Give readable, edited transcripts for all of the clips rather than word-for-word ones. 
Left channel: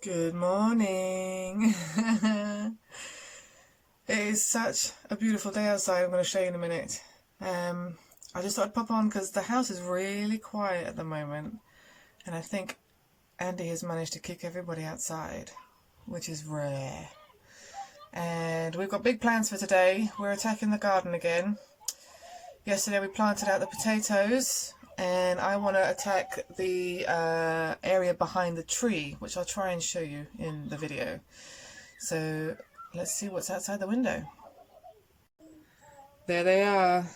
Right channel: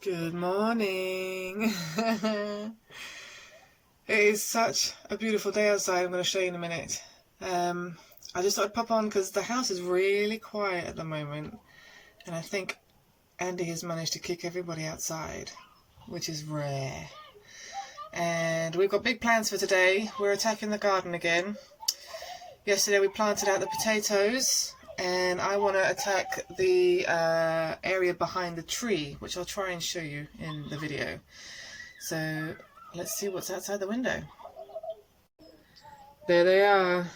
Good morning. It is such a beautiful day outside. I'm going to show you in a minute. I just thought I'd pop on because the house is really quiet at the moment, and I think Andy has managed to kick everybody outside, which is rare. And we've got big plans for today. We're attacking the garden again. Yesterday we planted out the potatoes, and I want to attack the area behind the tree, which I'll try and show you in the video. So let's see what's outside the window. There they are.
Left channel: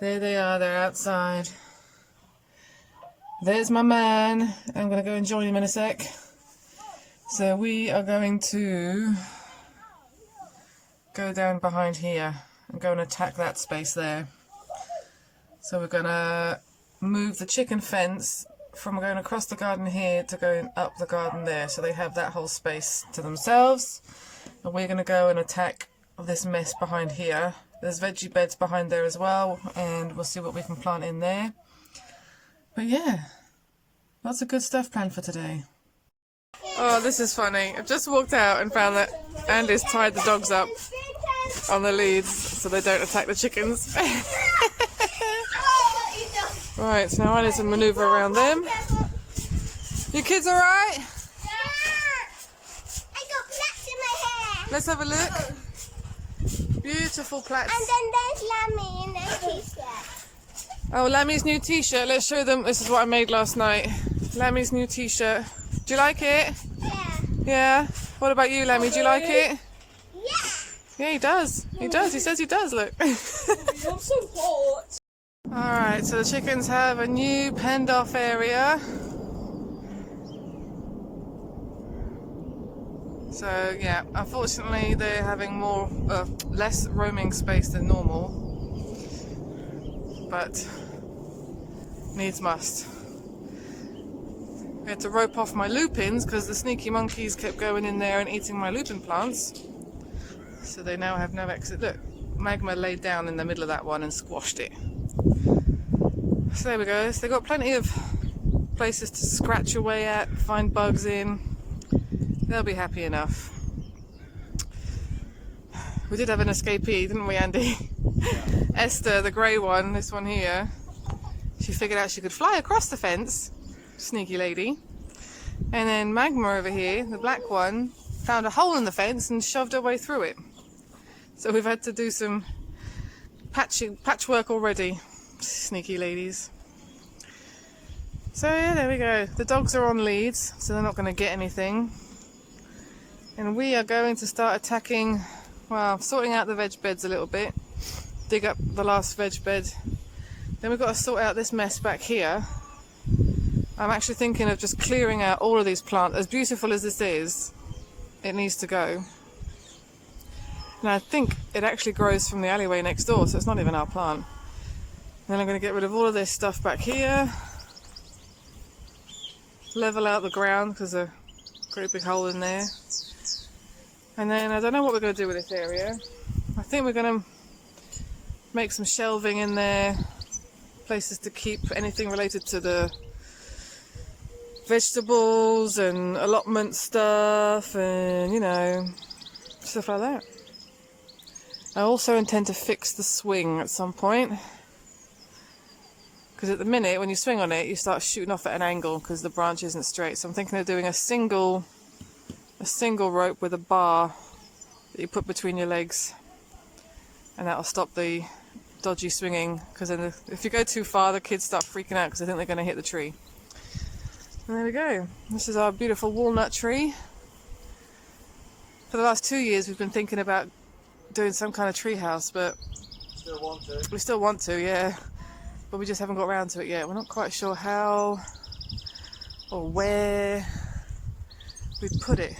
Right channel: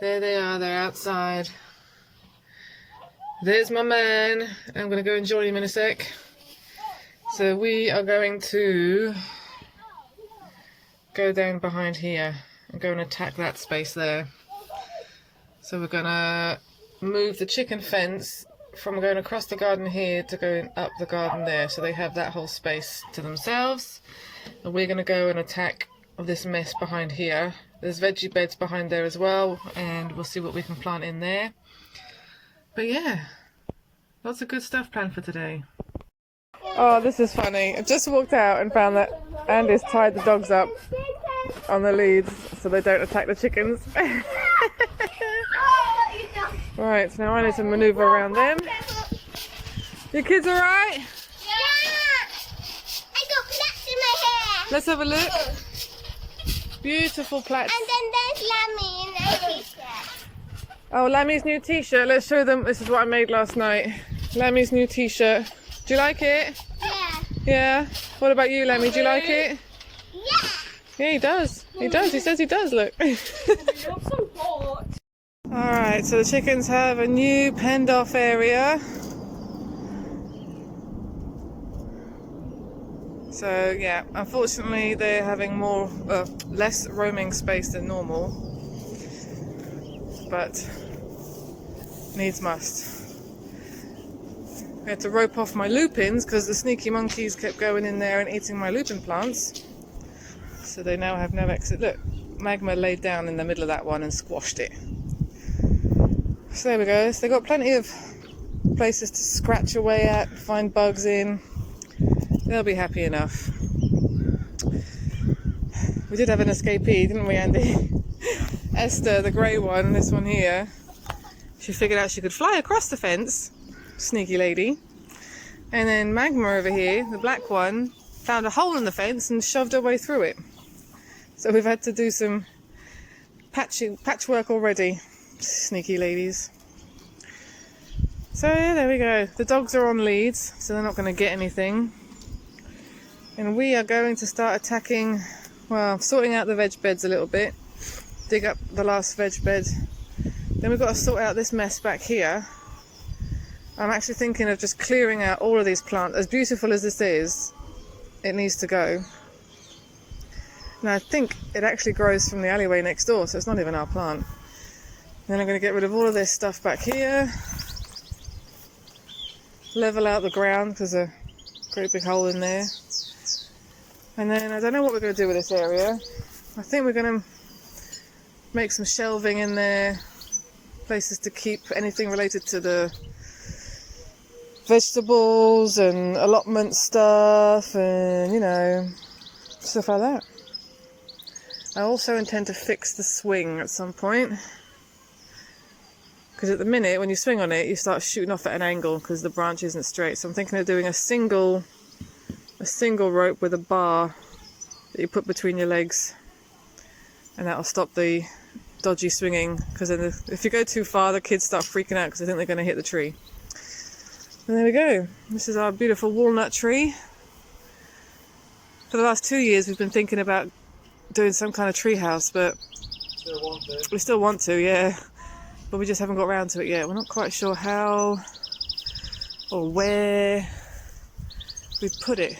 There they are, they're outside. There's my man. I'm going to go and join him in a sec. So we are going to go down behind here and go and attack that space there. So we're going to move the chicken fence from going across the garden here to going up the garden there. So they have that whole space to themselves. And we're going to go and attack this mess behind here. There's veggie beds behind there as well. And we'll see what we can plant in there. But yeah, lots of good stuff planned for today. Oh, this is funny. I've just walked out and found that Andy's tied the dogs up on the leads so they don't attack the chickens. Right, so now I need to manoeuvre around them. You kids alright? Yeah! I got plaits in my hair. Let's have a look. Beautiful plaits. And then there's Lammy in her t-shirt. Oh, Lammy's new t-shirt. Let's show them. This is what I made last night. Lammy's new t-shirt. Do you like it? Yeah. Yeah? What about you, Lammy? Do you like it? Yeah. Yeah, he does. He does. He says he does, look. You're so hot. Alright, so the chickens have a new penned off area. So yeah, unfortunately they're having less roaming space than normal, but needs must. I had to rope off my lupins because the sneaky monkeys kept going in there and eating my lupin plants. So they now have no exit. Look, Magma laid down in the middle of that one and squashed it. So there we go. So they've got plenty of places to scratch away at, find bugs in. They'll be happy enough. We did have an escapee, didn't we, Andy? Esther, the grey one, this one here, she figured out she could fly across the fence. Sneaky lady. And then Magma over here, the black one, found a hole in the fence and shoved her way through it. So we've had to do some patchwork already. Sneaky ladies. So yeah, there we go. The dogs are on leads, so they're not going to get anything. And we are going to start attacking, well, sorting out the veg beds a little bit. Dig up the last veg bed. Then we've got to sort out this mess back here. I'm actually thinking of just clearing out all of these plants. As beautiful as this is, it needs to go. And I think it actually grows from the alleyway next door, so it's not even our plant. Then I'm going to get rid of all of this stuff back here. Level out the ground because there's a great big hole in there. And then I don't know what we're going to do with this area. I think we're going to make some shelving in there. Places to keep anything related to the vegetables and allotment stuff and, you know, stuff like that. I also intend to fix the swing at some point. Because at the minute, when you swing on it, you start shooting off at an angle because the branch isn't straight. So I'm thinking of doing a single rope with a bar that you put between your legs, and that'll stop the dodgy swinging. Because then if you go too far, the kids start freaking out because they think they're going to hit the tree. And there we go. This is our beautiful walnut tree. For the last 2 years, we've been thinking about doing some kind of tree house, but we still want to, yeah. But we just haven't got around to it yet. We're not quite sure how or where we put it.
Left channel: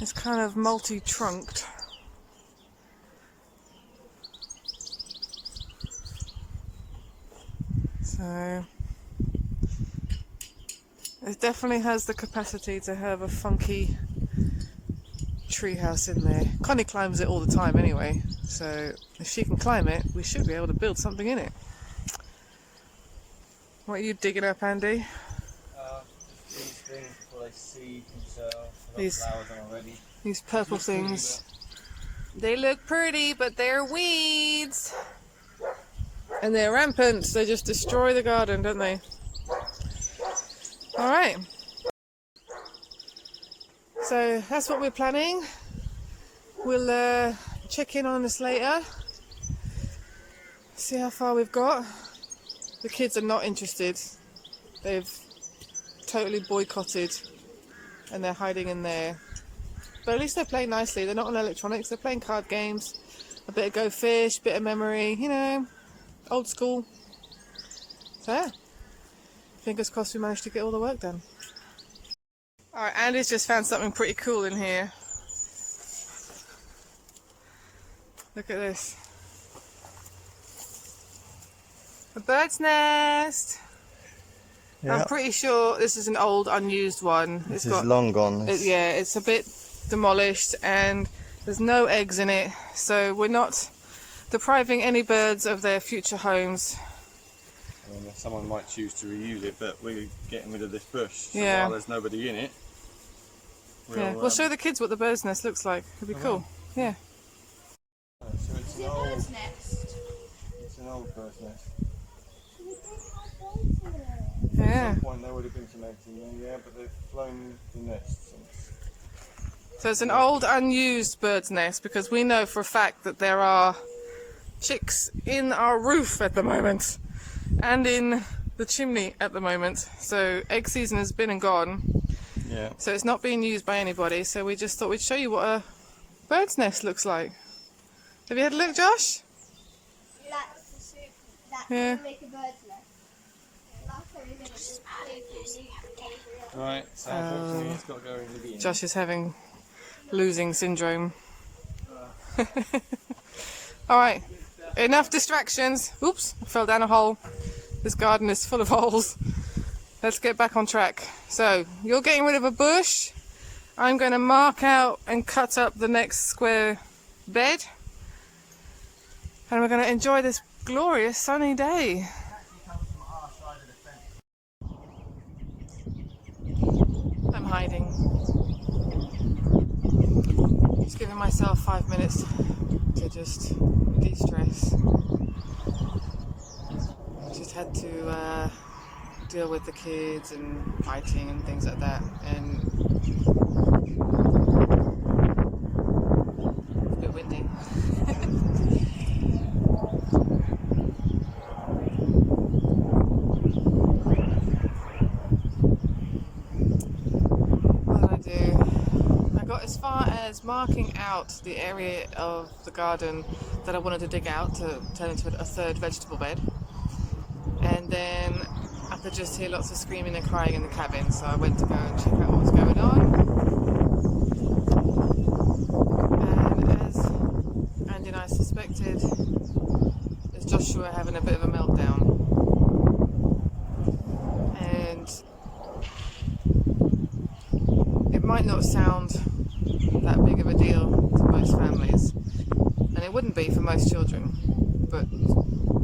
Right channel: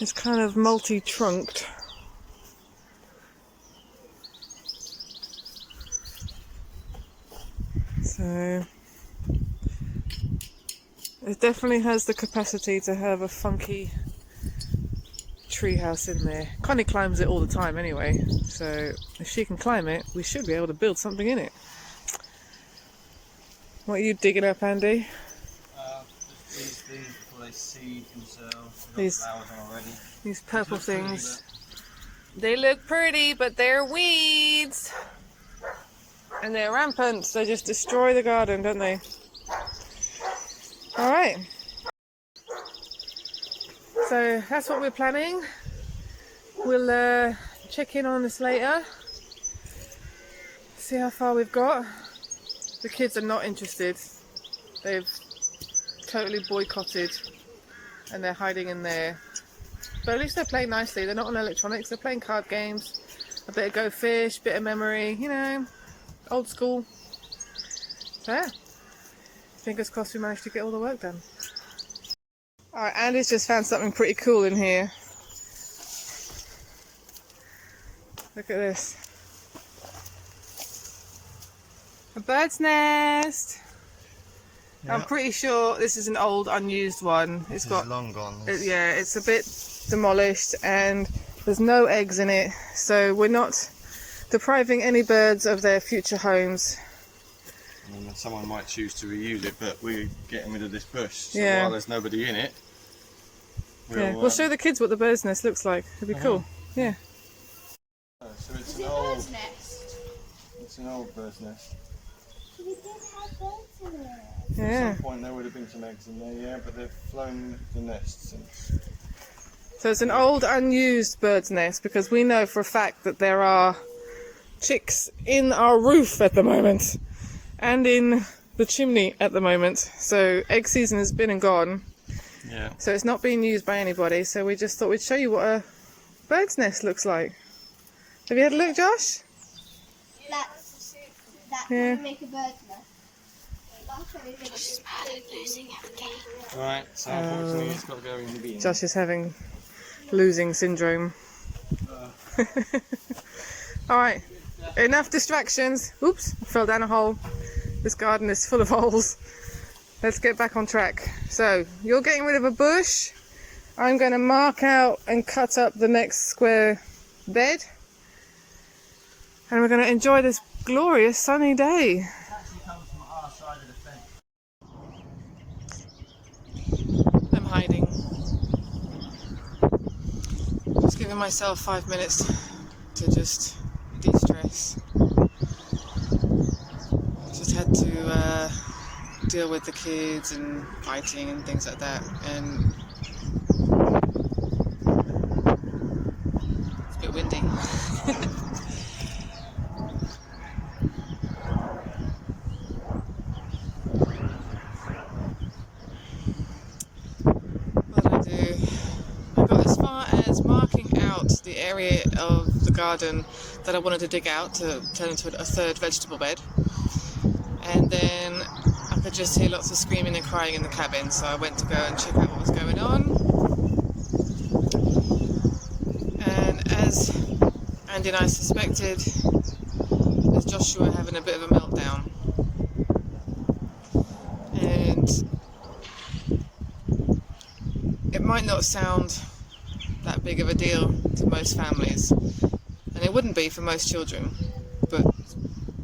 It's kind of multi-trunked. So it definitely has the capacity to have a funky treehouse in there. Connie climbs it all the time anyway, so if she can climb it, we should be able to build something in it. What are you digging up, Andy? these things before they seed themselves. These- Flowers on already. These purple Looks pretty, things. They look pretty, but they're weeds. And they're rampant. They just destroy the garden, don't they? Alright. So that's what we're planning. We'll check in on this later. See how far we've got. The kids are not interested. They've totally boycotted and they're hiding in there. But at least they're playing nicely. They're not on electronics. They're playing card games. A bit of Go Fish, bit of memory, you know, old school. So yeah, fingers crossed we managed to get all the work done. Alright, Andy's just found something pretty cool in here. Look at this. A bird's nest. Yeah. I'm pretty sure this is an old unused one. It's long gone. Yeah, it's a bit demolished and there's no eggs in it, so we're not depriving any birds of their future homes. Someone might choose to reuse it, but we're getting rid of this bush. So Yeah. while there's nobody in it, We'll show the kids what the bird's nest looks like. It'd be cool. Yeah. So it's an old bird's nest. We did have birds in it. Yeah. At some point there would have been some eggs in there, yeah, but they've flown the nest since. So it's an old unused bird's nest because we know for a fact that there are chicks in our roof at the moment and in the chimney at the moment. So egg season has been and gone. Yeah. So it's not being used by anybody. So we just thought we'd show you what a bird's nest looks like. Have you had a look, Josh? That's Yeah. make a bird's nest. Last time we did it. Right, so unfortunately it's got to go in the bin. Josh is having losing syndrome. Alright, enough distractions. Oops, I fell down a hole. This garden is full of holes. Let's get back on track. So, you're getting rid of a bush. I'm going to mark out and cut up the next square bed. And we're going to enjoy this glorious sunny day. I'm hiding. Just giving myself 5 minutes to just de-stress. Just had to deal with the kids and fighting and things like that, and it's a bit windy. What did I do? I got as far as marking out the area of the garden that I wanted to dig out to turn into a third vegetable bed, and then I could just hear lots of screaming and crying in the cabin, so I went to go and check out what was going on. And as Andy and I suspected, there's Joshua having a bit of a meltdown. And it might not sound that big of a deal to most families, and it wouldn't be for most children, but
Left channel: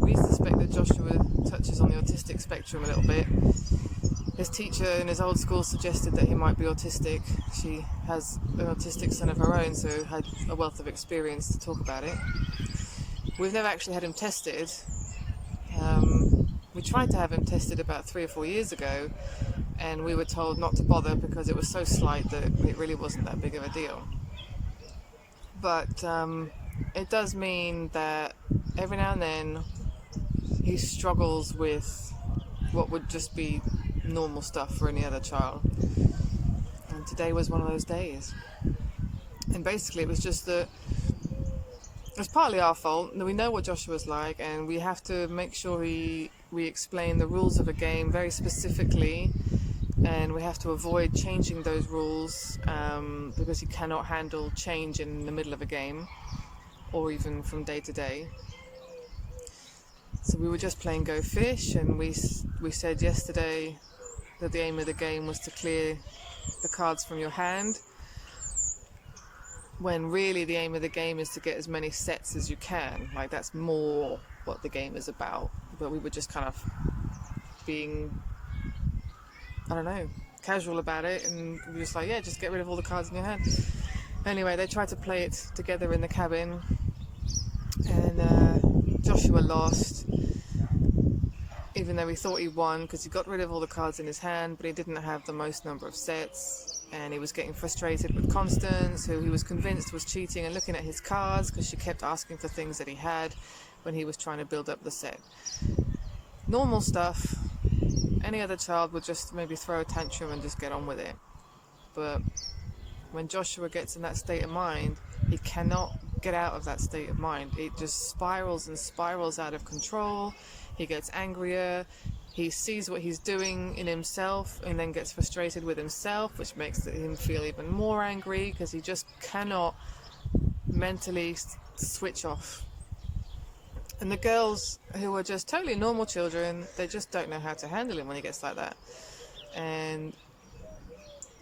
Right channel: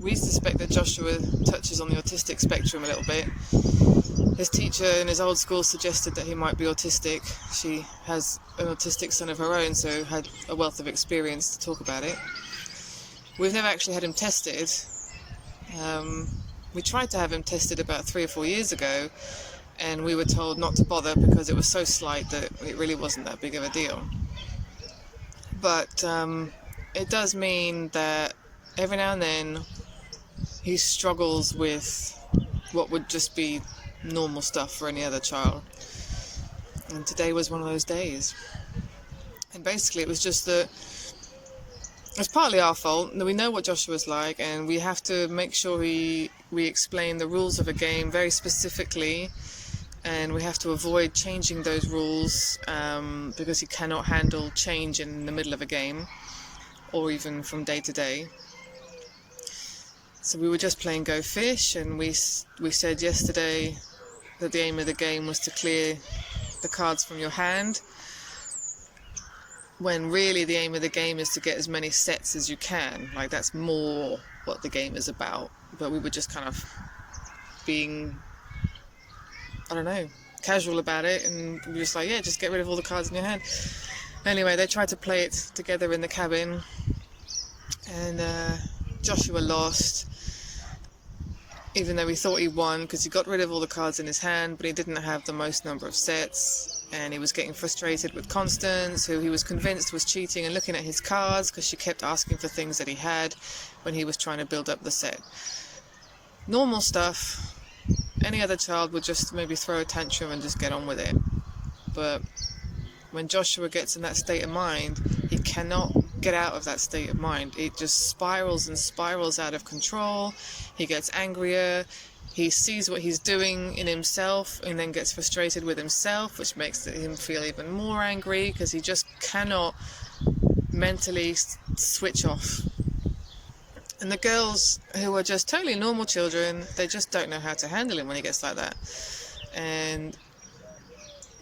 we suspect that Joshua touches on the autistic spectrum a little bit. His teacher in his old school suggested that he might be autistic. She has an autistic son of her own, so had a wealth of experience to talk about it. We've never actually had him tested. We tried to have him tested about 3 or 4 years ago, and we were told not to bother because it was so slight that it really wasn't that big of a deal. But it does mean that every now and then he struggles with what would just be normal stuff for any other child. And today was one of those days. And basically it was just that it's partly our fault. We know what Joshua's like, and we have to make sure we explain the rules of a game very specifically, and we have to avoid changing those rules because he cannot handle change in the middle of a game or even from day to day. So we were just playing Go Fish, and we said yesterday that the aim of the game was to clear the cards from your hand, when really the aim of the game is to get as many sets as you can. Like, that's more what the game is about. But we were just kind of being, I don't know, casual about it, and we were just like, yeah, just get rid of all the cards in your hand. Anyway, they tried to play it together in the cabin, and Joshua lost, even though he thought he won because he got rid of all the cards in his hand, but he didn't have the most number of sets, and he was getting frustrated with Constance, who he was convinced was cheating and looking at his cards because she kept asking for things that he had when he was trying to build up the set. Normal stuff. Any other child would just maybe throw a tantrum and just get on with it. But when Joshua gets in that state of mind, he cannot get out of that state of mind. It just spirals and spirals out of control. He gets angrier. He sees what he's doing in himself and then gets frustrated with himself, which makes him feel even more angry because he just cannot mentally switch off. And the girls, who are just totally normal children, they just don't know how to handle him when he gets like that. And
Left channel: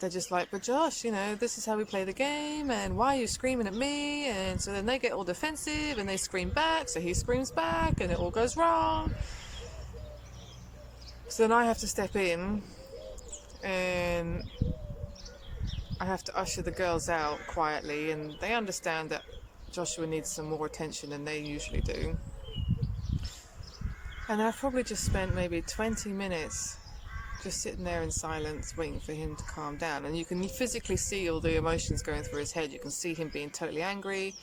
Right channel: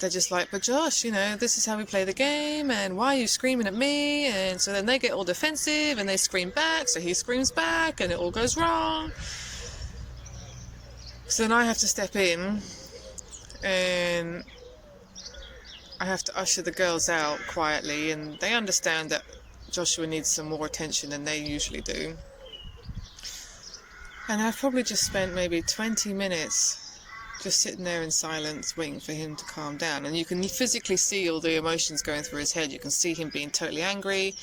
they're just like, but Josh, you know, this is how we play the game, and why are you screaming at me? And so then they get all defensive and they scream back, so he screams back and it all goes wrong. So then I have to step in and I have to usher the girls out quietly, and they understand that Joshua needs some more attention than they usually do. And I've probably just spent maybe 20 minutes just sitting there in silence waiting for him to calm down. And you can physically see all the emotions going through his head. You can see him being totally angry,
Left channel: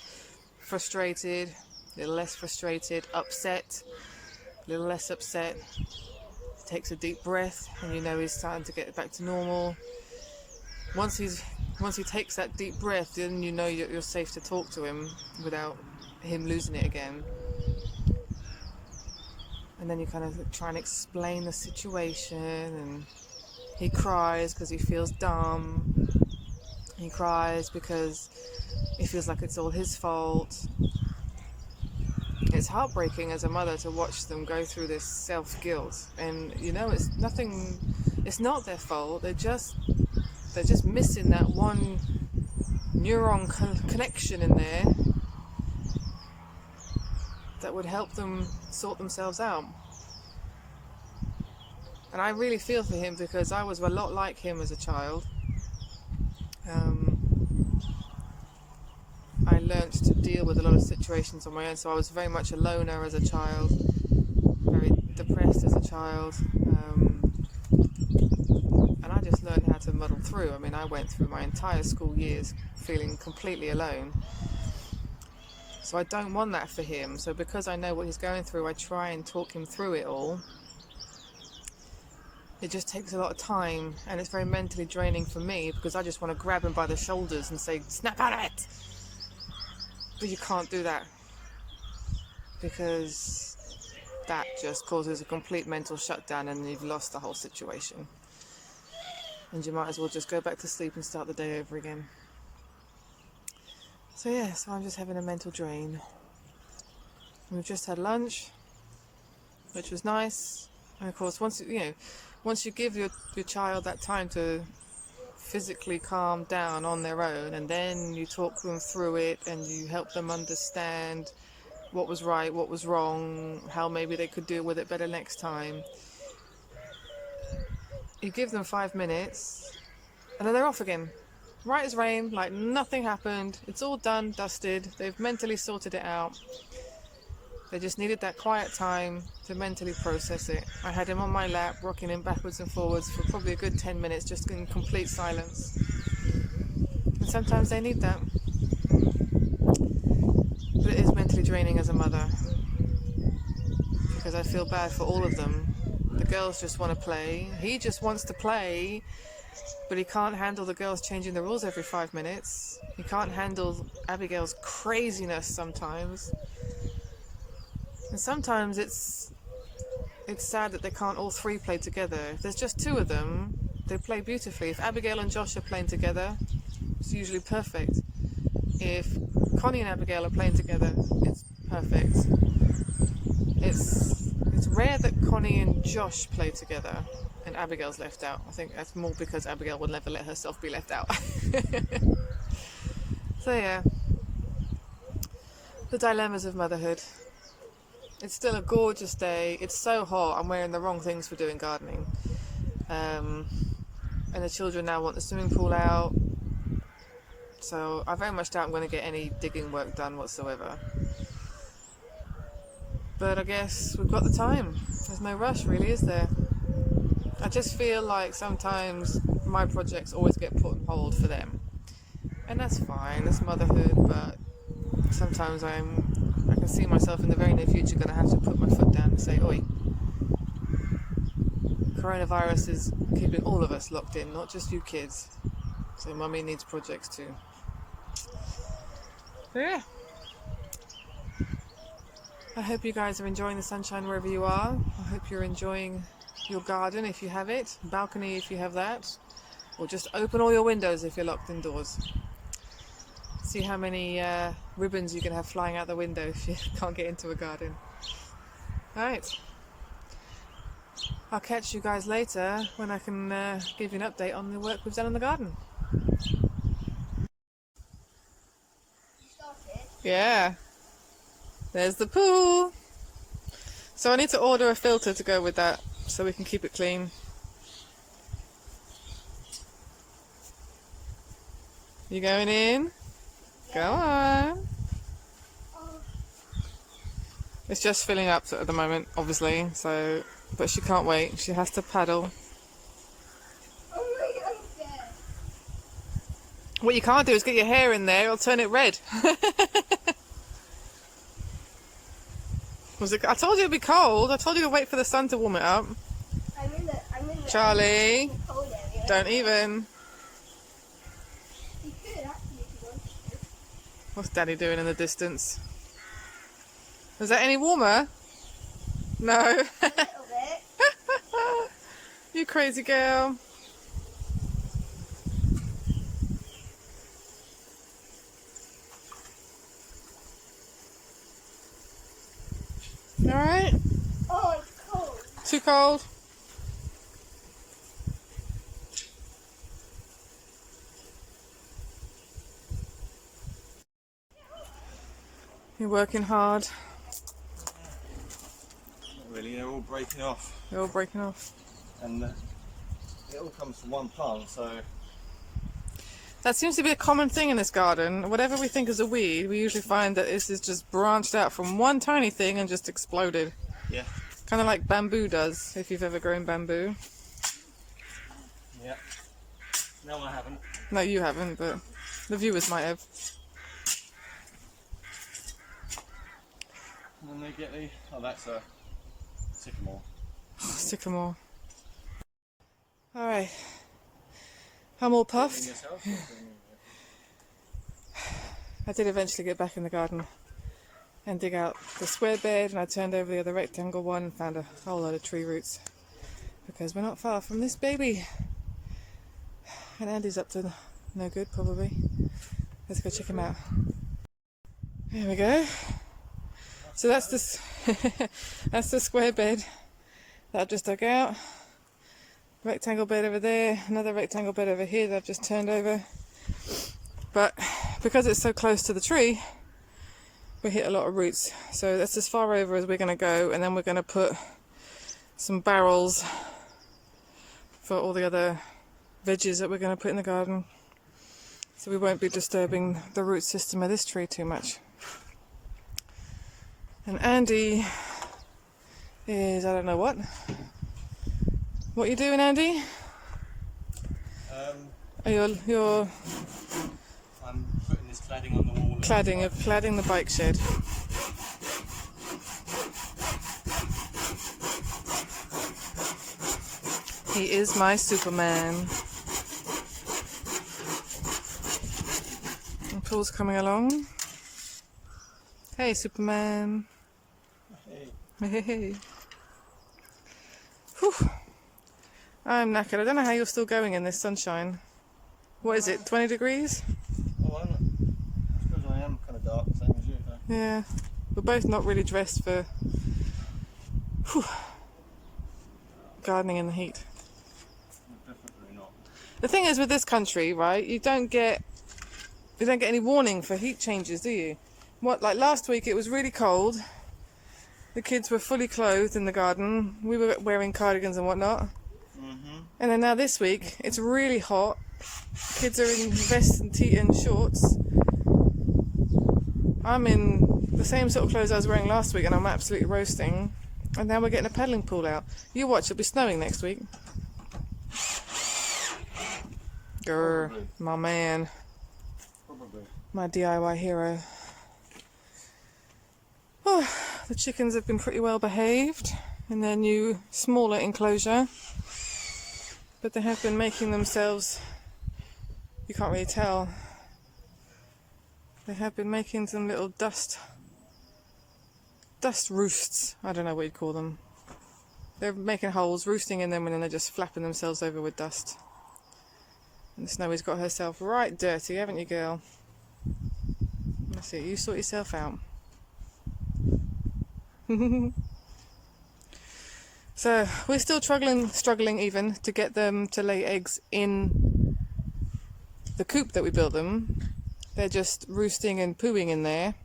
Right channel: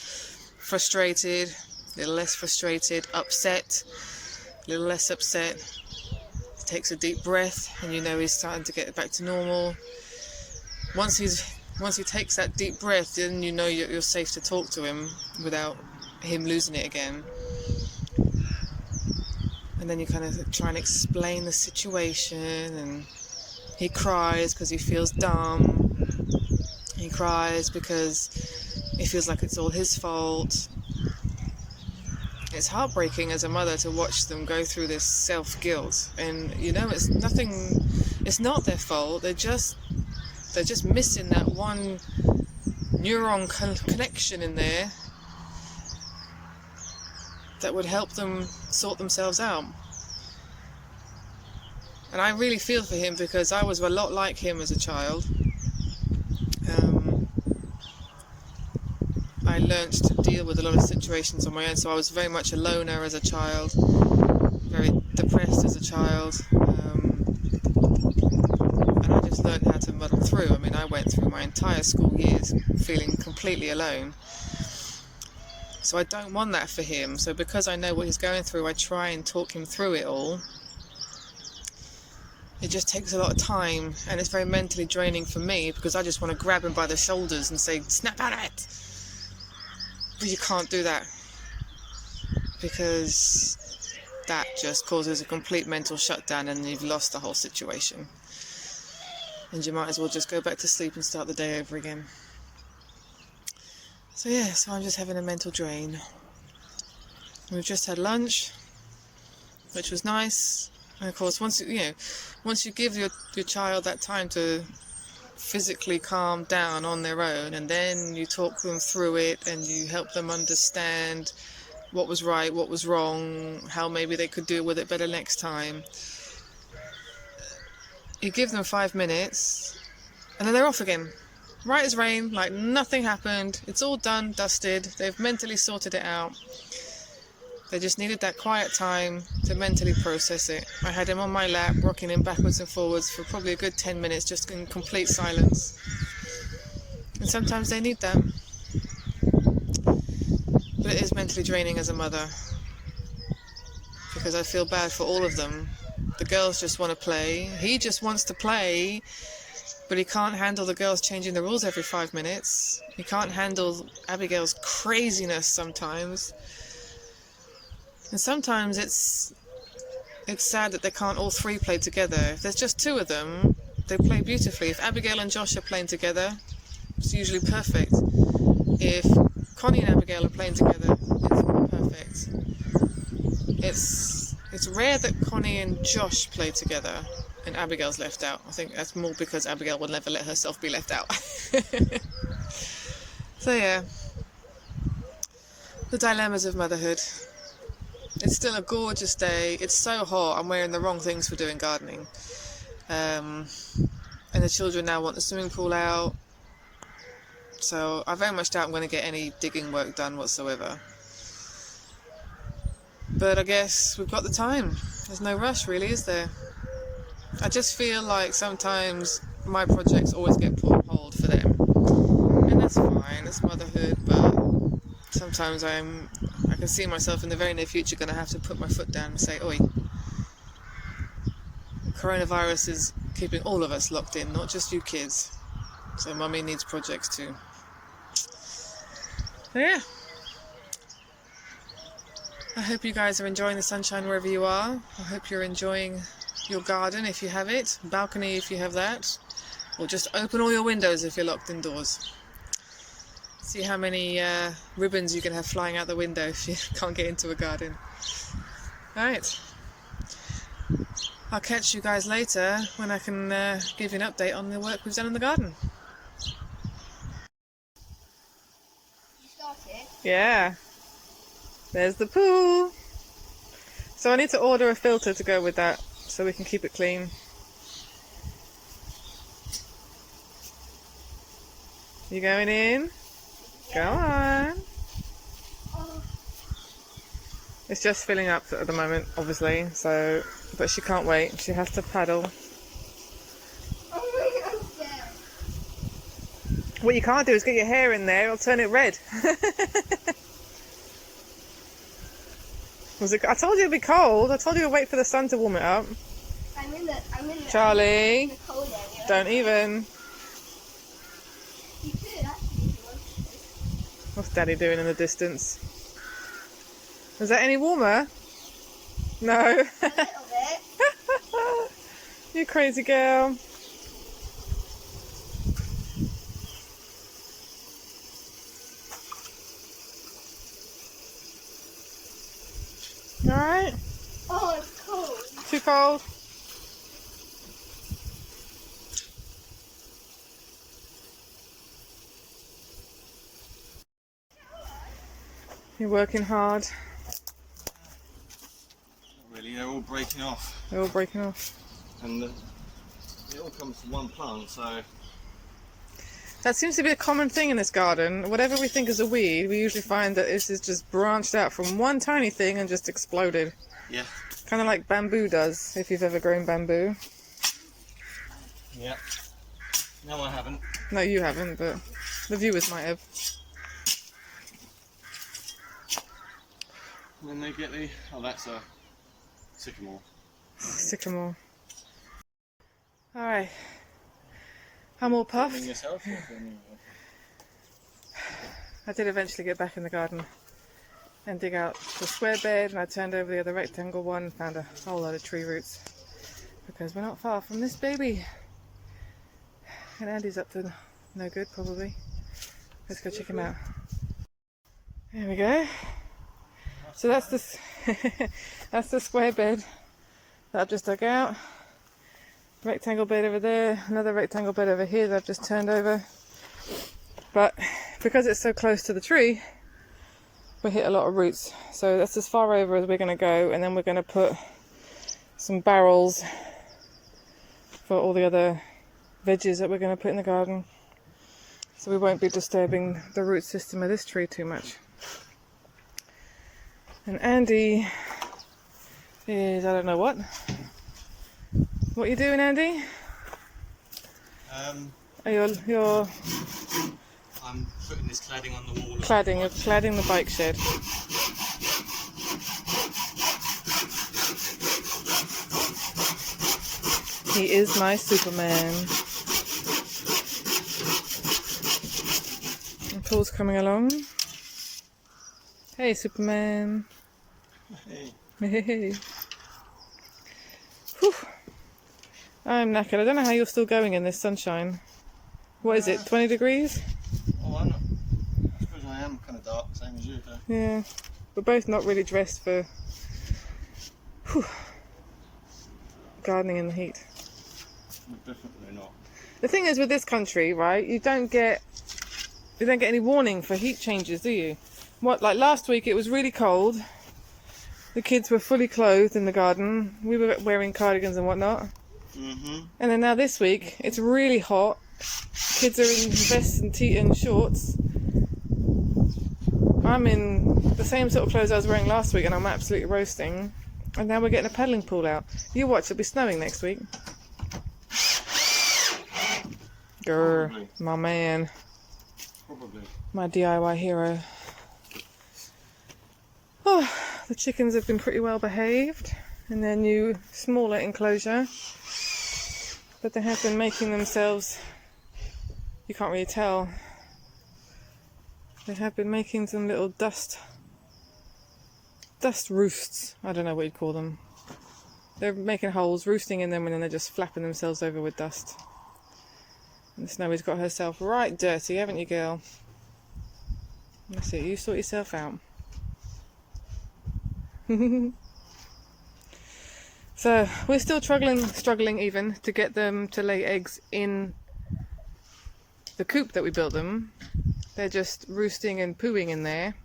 frustrated, a little less frustrated, upset, a little less upset. He takes a deep breath and you know he's starting to get back to normal. Once he takes that deep breath, then you know you're safe to talk to him without him losing it again. And then you kind of try and explain the situation, and he cries because he feels dumb. He cries because he feels like it's all his fault. It's heartbreaking as a mother to watch them go through this self-guilt, and you know it's not their fault. They're just missing that one neuron connection in there that would help them sort themselves out. And I really feel for him because I was a lot like him as a child. I learnt to deal with a lot of situations on my own, so I was very much a loner as a child, very depressed as a child, and I just learned how to muddle through. I mean, I went through my entire school years feeling completely alone. So I don't want that for him. So because I know what he's going through, I try and talk him through it all. It just takes a lot of time, and it's very mentally draining for me because I just want to grab him by the shoulders and say, snap out of it! But you can't do that because that just causes a complete mental shutdown and you've lost the whole situation. And you might as well just go back to sleep and start the day over again. So yeah, so I'm just having a mental drain. We've just had lunch, which was nice. And of course, once you give your child that time to physically calm down on their own, and then you talk them through it and you help them understand what was right, what was wrong, how maybe they could deal with it better next time. You give them 5 minutes and then they're off again. Right as rain, like nothing happened. It's all done, dusted. They've mentally sorted it out. They just needed that quiet time to mentally process it. I had him on my lap, rocking him backwards and forwards for probably a good 10 minutes, just in complete silence. And sometimes they need that. But it is mentally draining as a mother, because I feel bad for all of them. The girls just want to play. He just wants to play, but he can't handle the girls changing the rules every 5 minutes. He can't handle Abigail's craziness sometimes. And sometimes it's sad that they can't all three play together. If there's just two of them, they play beautifully. If Abigail and Josh are playing together, it's usually perfect. If Connie and Abigail are playing together, it's perfect. It's rare that Connie and Josh play together and Abigail's left out. I think that's more because Abigail would never let herself be left out. So yeah, the dilemmas of motherhood. It's still a gorgeous day. It's so hot. I'm wearing the wrong things for doing gardening. And and the children now want the swimming pool out. So I very much doubt I'm going to get any digging work done whatsoever. But I guess we've got the time. There's no rush really, is there? I just feel like sometimes my projects always get put on hold for them. And that's fine, it's motherhood, but sometimes I can see myself in the very near future going to have to put my foot down and say, oi, coronavirus is keeping all of us locked in, not just you kids. So mummy needs projects too. So yeah. I hope you guys are enjoying the sunshine wherever you are. I hope you're enjoying your garden if you have it, balcony if you have that, or just open all your windows if you're locked indoors. See how many ribbons you can have flying out the window if you can't get into a garden. Alright. I'll catch you guys later when I can give you an update on the work we've done in the garden. You started? Yeah. There's the pool. So I need to order a filter to go with that so we can keep it clean. You going in? Go on. Oh, It's just filling up at the moment, obviously, so, but she can't wait. She has to paddle. oh my God, I'm scared. What you can't do is get your hair in there, it'll turn it red. I told you it'd be cold. I told you to wait for the sun to warm it up. I'm in the Charlie, I'm in the cold area. don't even. You could actually if you wanted to. What's Daddy doing in the distance? Is that any warmer? No. A little bit. You crazy girl. Alright? Oh, it's cold. Too cold? You're working hard. Not really, they're all breaking off. They're all breaking off. And it all comes from one plant, so That seems to be a common thing in this garden. Whatever we think is a weed, we usually find that this is just branched out from one tiny thing and just exploded. yeah. Kind of like bamboo does, if you've ever grown bamboo. Yeah. No, I haven't. No, you haven't, but the viewers might have. And then they get the... Oh, that's a sycamore. Sycamore. Alright. I'm all Filming puffed. yourself? Or filming me? I did eventually get back in the garden and dig out the square bed, and I turned over the other rectangle one and found a whole load of tree roots because we're not far from this baby. And Andy's up to no good probably. Let's go check him out. There we go. So that's the that's the square bed that I've just dug out. Rectangle bed over there, another rectangle bed over here that I've just turned over. But because it's so close to the tree, we hit a lot of roots. So that's as far over as we're going to go, and then we're going to put some barrels for all the other veggies that we're going to put in the garden. So we won't be disturbing the root system of this tree too much. And Andy is, I don't know what. What are you doing, Andy? Oh, you're I'm putting this cladding on the wall. cladding. You're cladding the bike shed. He is my Superman. And Paul's coming along. Hey, Superman. Hey. Hey. Whew. I'm knackered. I don't know how you're still going in this sunshine. What is it, 20 degrees? Oh, I suppose I am kind of dark, same as you. Huh? Yeah. We're both not really dressed for gardening in the heat. Definitely not. The thing is with this country, right, you don't get any warning for heat changes, do you? What, like last week it was really cold. The kids were fully clothed in the garden. We were wearing cardigans and whatnot. And then now this week, it's really hot. Kids are in vests and and shorts. I'm in the same sort of clothes I was wearing last week and I'm absolutely roasting. And now we're getting a paddling pool out. You watch, it'll be snowing next week. Grr, Probably. my man. Probably. My DIY hero. Oh, the chickens have been pretty well behaved in their new, smaller enclosure. But they have been making themselves, you can't really tell, they have been making some little dust roosts. I don't know what you'd call them. They're making holes, roosting in them, and then they're just flapping themselves over with dust. And Snowy's got herself right dirty, haven't you, girl? That's it, you sort yourself out. So we're still struggling even to get them to lay eggs in the coop that we built them. They're just roosting and pooing in there.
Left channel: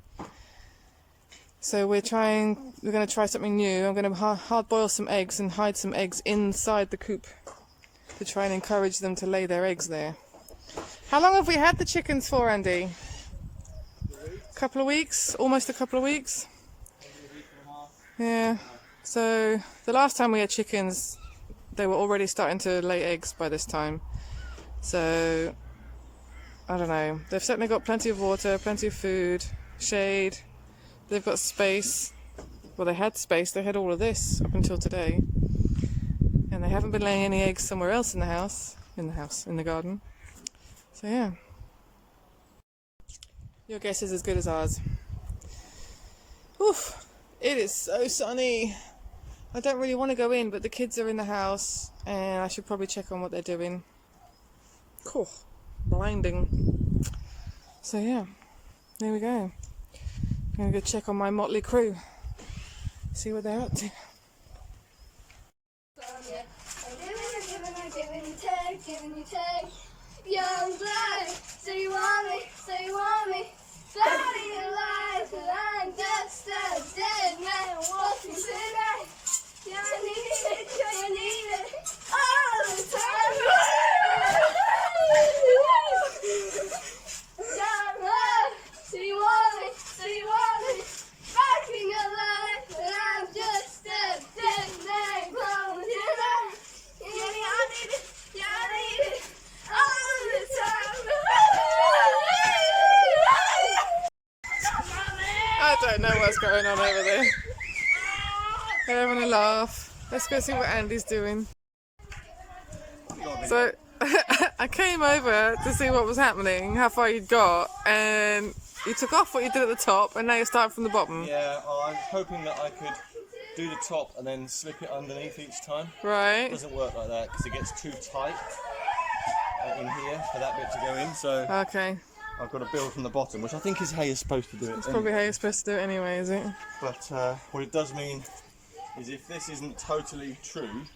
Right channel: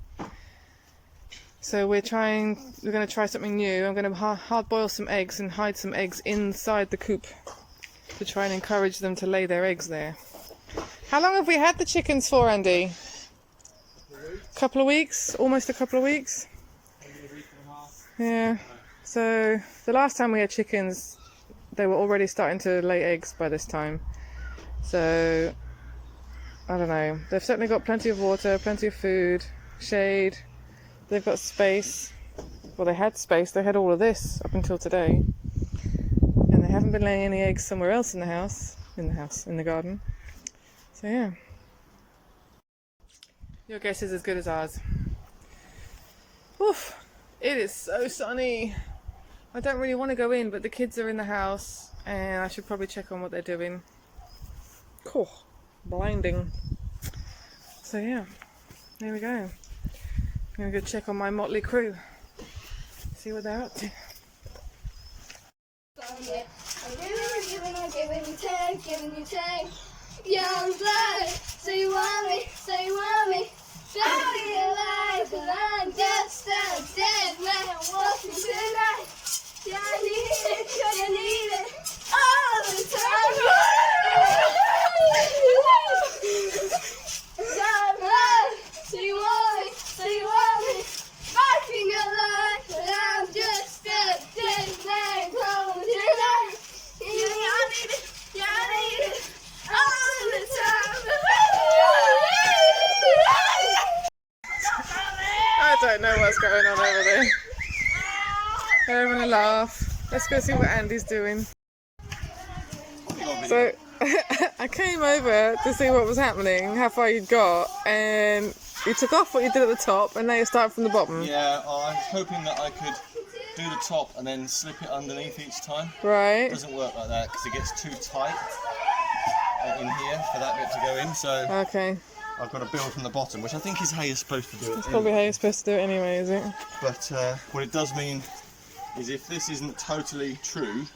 So we're going to try something new. I'm going to hard boil some eggs and hide some eggs inside the coop to try and encourage them to lay their eggs there. How long have we had the chickens for, Andy? A couple of weeks? Almost a couple of weeks? Yeah. So the last time we had chickens, they were already starting to lay eggs by this time. So I don't know. They've certainly got plenty of water, plenty of food, shade. They've got space. Well, they had space. They had all of this up until today. And they haven't been laying any eggs somewhere else in the house. In the garden. So yeah. Your guess is as good as ours. Oof. It is so sunny. I don't really want to go in, but the kids are in the house and I should probably check on what they're doing. Cool. Blinding. So yeah, there we go. I'm going to go check on my motley crew. See what they're up to. Giving you take. Young blood, so you want me. Shawty alive, and I'm just a dead man walking tonight. Yeah, I need it, all the time. Young blood, so you want me. Back in your life, and I'm just a dead man walking tonight. Yeah, I need it, all the time. I don't know what's going on over there. They're having a laugh. Let's go see what Andy's doing. So I came over to see what was happening, how far you'd got, and you took off what you did at the top and now you're starting from the bottom. Yeah, I was hoping that I could do the top and then slip it underneath each time. Right. It doesn't work like that because it gets too tight in here for that bit to go in, so Okay. I've got to build from the bottom, which I think is how you're supposed to do it. That's probably how you're supposed to do it anyway, is it? But what it does mean is if this isn't totally true,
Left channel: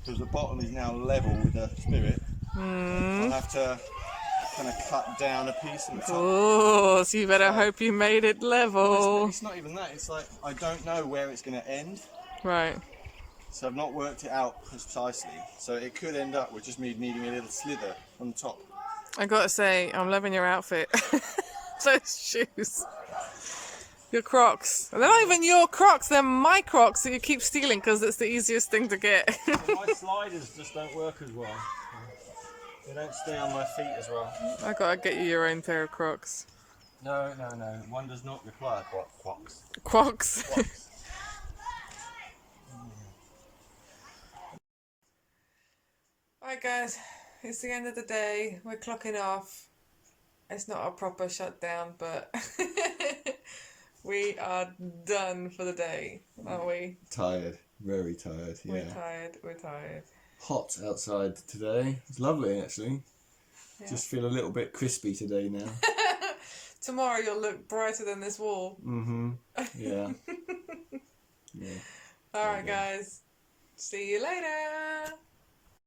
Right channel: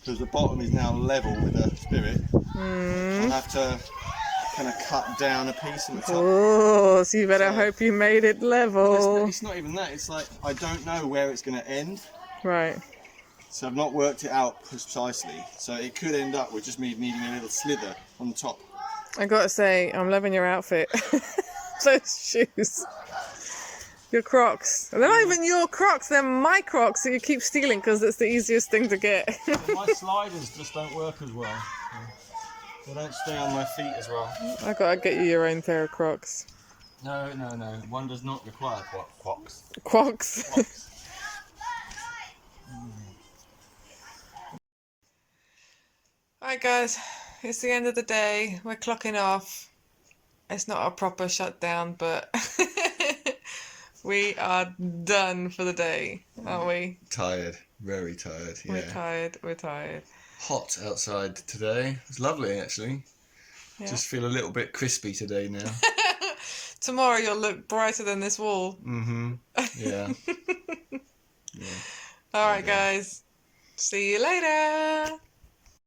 because the bottom is now level with the spirit, I'll have to kind of cut down a piece in the top. Oh, so you better hope you made it level. It's not even that, it's like I don't know where it's going to end. Right. So I've not worked it out precisely. So it could end up with just me needing a little slither on the top. I gotta say, I'm loving your outfit. Those shoes. Your Crocs. They're not even your Crocs, they're my Crocs that you keep stealing because it's the easiest thing to get. My sliders just don't work as well. They don't stay on my feet as well. I gotta get you your own pair of Crocs. No. One does not require Crocs. Crocs. Alright guys, it's the end of the day. We're clocking off. It's not a proper shutdown, but we are done for the day, aren't we? Tired, very tired. Yeah. We're tired. Hot outside today. It's lovely actually. Yeah. Just feel a little bit crispy today now. Tomorrow you'll look brighter than this wall. Yeah. Alright guys, see you later.